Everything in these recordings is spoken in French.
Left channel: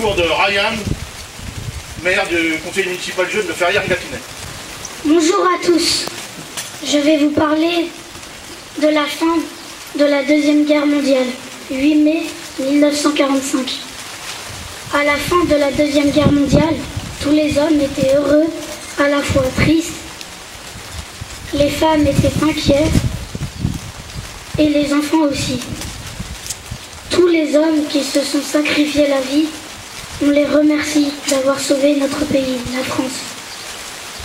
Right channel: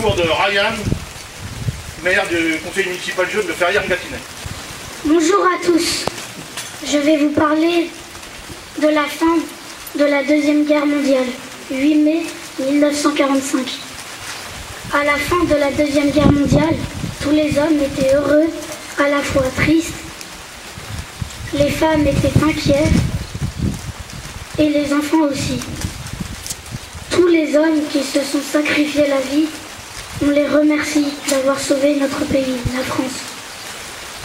Discours de Ryan, maire du conseil municipal jeune de Ferrières-Gâtinais. Bonjour à tous. Je vais vous parler de la fin de la Deuxième Guerre mondiale, 8 mai 1945. À la fin de la Deuxième Guerre mondiale, tous les hommes étaient heureux, à la fois tristes. Les femmes étaient inquiets et les enfants aussi. Tous les hommes qui se sont sacrifiés la vie, on les remercie d'avoir sauvé notre pays, la France.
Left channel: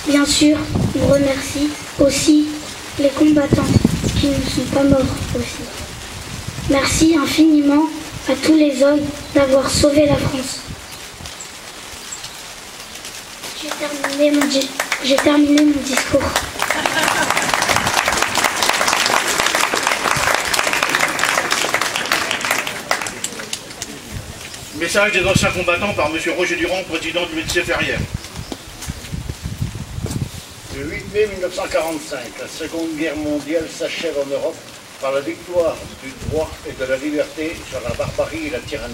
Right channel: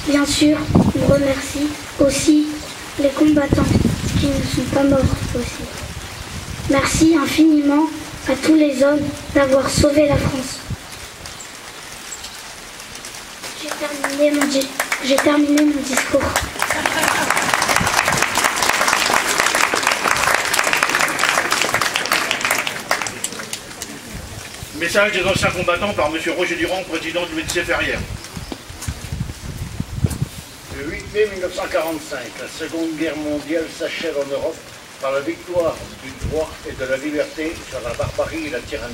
Bien sûr, on remercie aussi les combattants qui ne sont pas morts aussi. Merci infiniment à tous les hommes d'avoir sauvé la France. J'ai terminé mon discours. Message des anciens combattants par M. Roger Durand, président du médecin Ferrières. Le 8 mai 1945, la Seconde Guerre mondiale s'achève en Europe par la victoire du droit et de la liberté sur la barbarie et la tyrannie.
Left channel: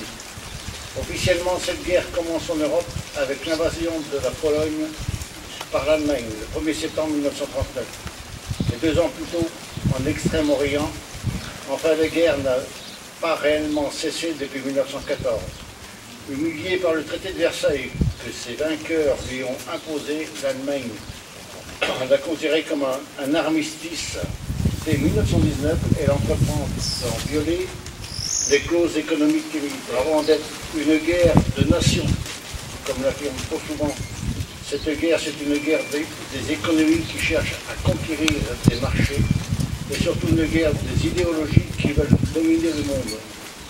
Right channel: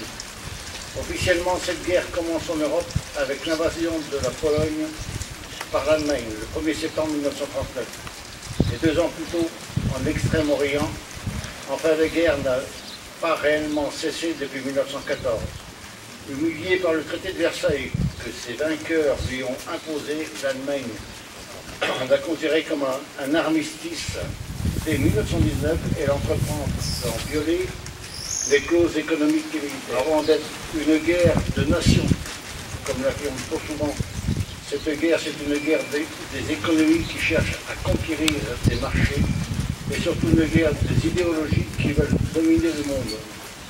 Officiellement, cette guerre commence en Europe avec l'invasion de la Pologne par l'Allemagne le 1er septembre 1939. Et 2 ans plus tôt, en Extrême-Orient, enfin la guerre n'a pas réellement cessé depuis 1914. Humilié par le traité de Versailles que ses vainqueurs lui ont imposé, l'Allemagne l'a considéré comme un armistice. Dès 1919, elle entreprend d'en violer les clauses économiques et militaires. Avant d'être une guerre de nations, comme l'affirme trop souvent, cette guerre, c'est une guerre des économies qui cherchent à conquérir des marchés, et surtout une guerre des idéologies qui veulent dominer le monde.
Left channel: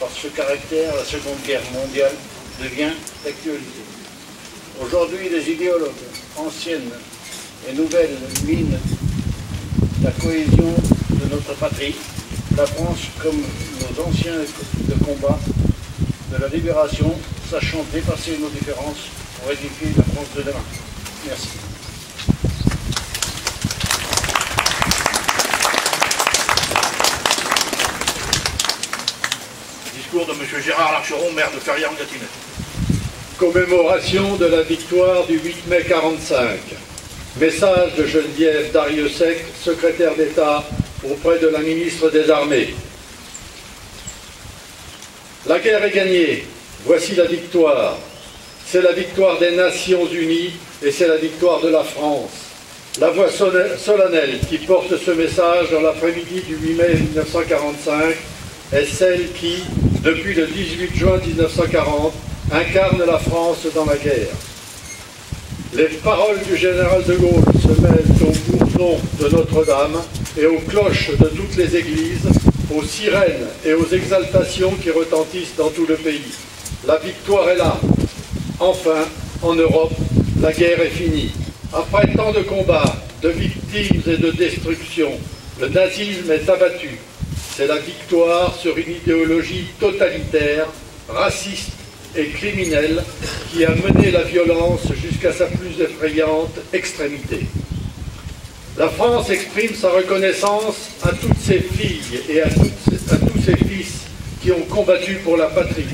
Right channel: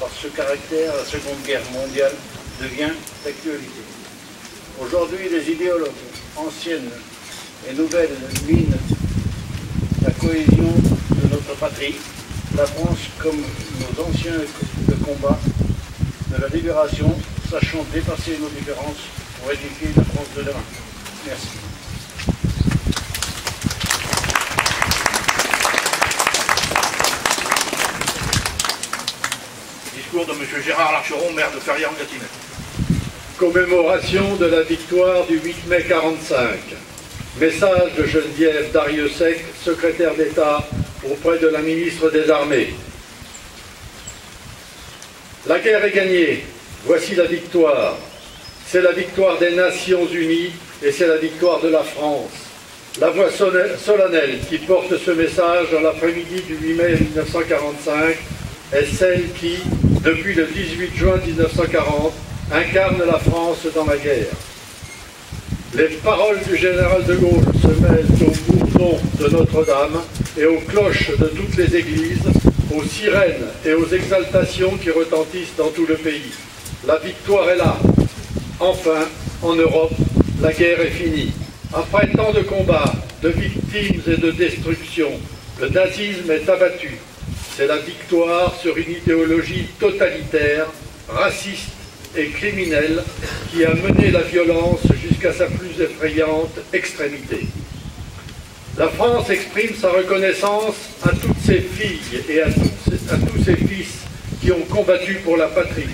Par ce caractère, la Seconde Guerre mondiale devient d'actualité. Aujourd'hui, les idéologues anciennes et nouvelles minent la cohésion de notre patrie, la France comme nos anciens de combat de la libération, sachant dépasser nos différences pour édifier la France de demain. Merci. Discours de M. Gérard Larcheron, maire de Ferrières-Gâtinais. Commémoration de la victoire du 8 mai 45. Message de Geneviève Dariussec, secrétaire d'État auprès de la ministre des Armées. La guerre est gagnée. Voici la victoire. C'est la victoire des Nations Unies et c'est la victoire de la France. La voix solennelle qui porte ce message dans l'après-midi du 8 mai 1945 est celle qui, depuis le 18 juin 1940, incarne la France dans la guerre. Les paroles du général de Gaulle se mêlent au bourdon de Notre-Dame et aux cloches de toutes les églises, aux sirènes et aux exaltations qui retentissent dans tout le pays. La victoire est là. Enfin, en Europe, la guerre est finie. Après tant de combats, de victimes et de destruction, le nazisme est abattu. C'est la victoire sur une idéologie totalitaire, raciste et criminelle qui a mené la violence jusqu'à sa plus effrayante extrémité. La France exprime sa reconnaissance à toutes ses filles et à tous ses fils qui ont combattu pour la patrie.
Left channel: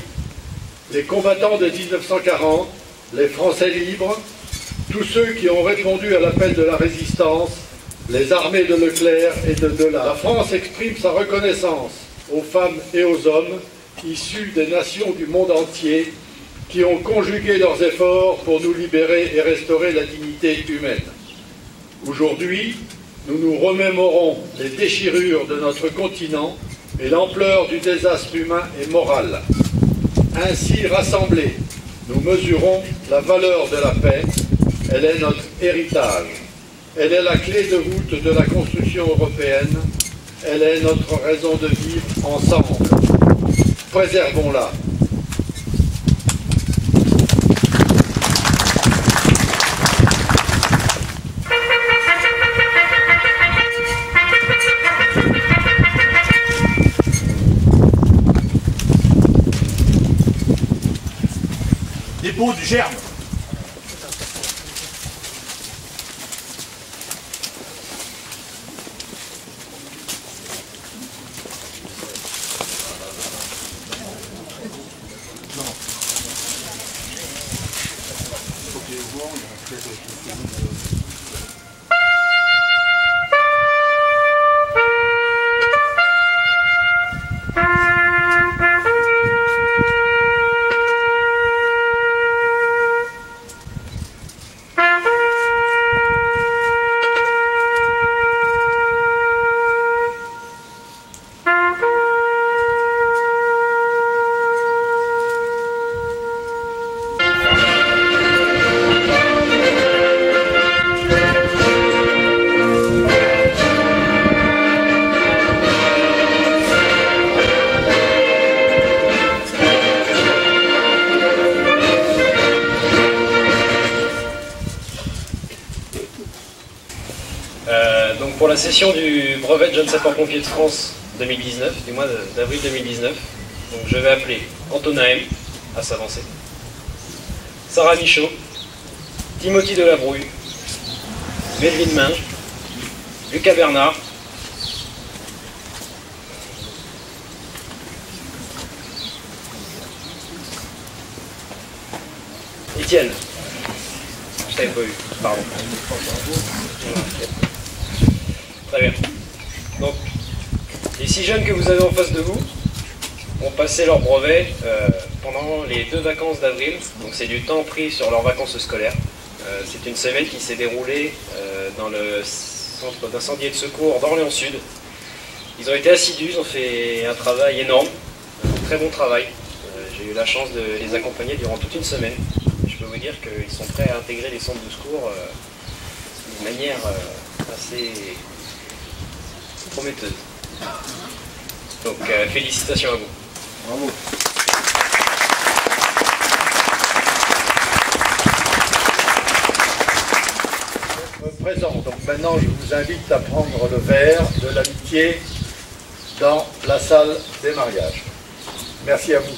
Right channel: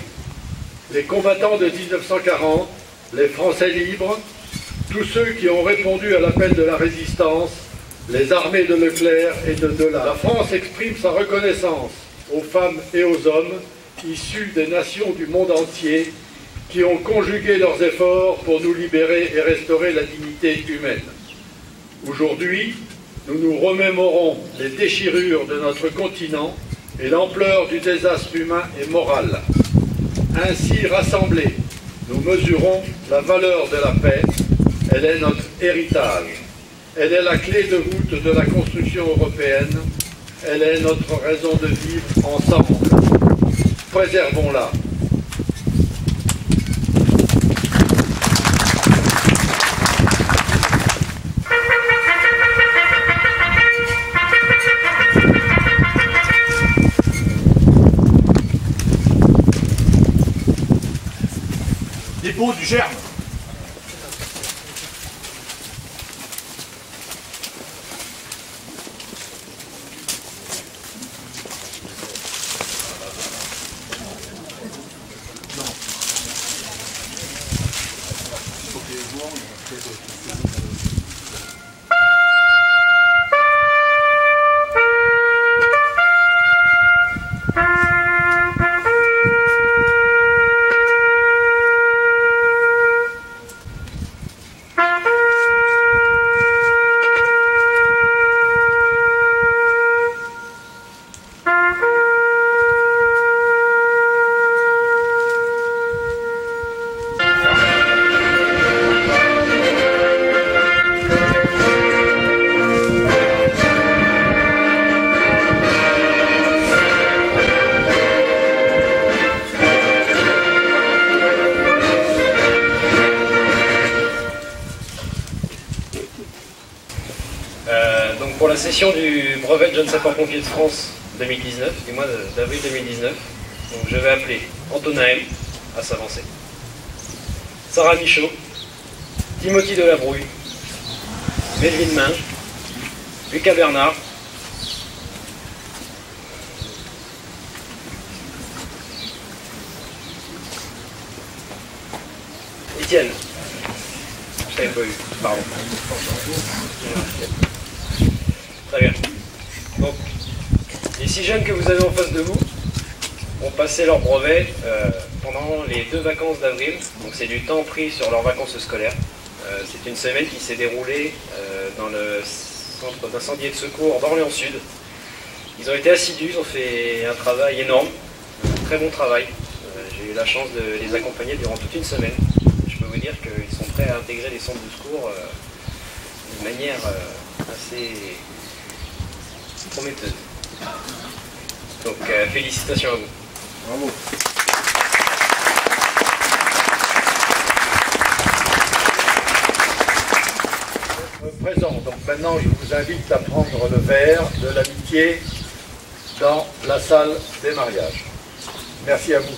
Les combattants de 1940, les Français libres, tous ceux qui ont répondu à l'appel de la résistance, les armées de Leclerc et de Delat. La France exprime sa reconnaissance aux femmes et aux hommes issus des nations du monde entier qui ont conjugué leurs efforts pour nous libérer et restaurer la dignité humaine. Aujourd'hui, nous nous remémorons les déchirures de notre continent et l'ampleur du désastre humain et moral. Ainsi rassemblés, nous mesurons la valeur de la paix. Elle est notre héritage. Elle est la clé de voûte de la construction européenne. Elle est notre raison de vivre ensemble. Préservons-la. Dépôt du germe. Donc pour la session du brevet de jeune sapeur-pompier de France 2019, du mois d'avril 2019, donc je vais appeler Antonin M à s'avancer, Sarah Michaud, Timothy Delabrouille, Melvin Minge, Lucas Bernard, Étienne. Je t'avais pas eu, pardon. Très bien. Donc, les 6 jeunes que vous avez en face de vous ont passé leur brevet pendant les 2 vacances d'avril. Donc c'est du temps pris sur leurs vacances scolaires. C'est une semaine qui s'est déroulée dans le centre d'incendie et de secours d'Orléans-Sud. Ils ont été assidus, ils ont fait un travail énorme, un très bon travail. J'ai eu la chance de les accompagner durant toute une semaine. Je peux vous dire qu'ils sont prêts à intégrer les centres de secours d'une manière assez prometteuse. Donc félicitations à vous. Bravo. Présent. Donc maintenant, je vous invite à prendre le verre de l'amitié dans la salle des mariages. Merci à vous.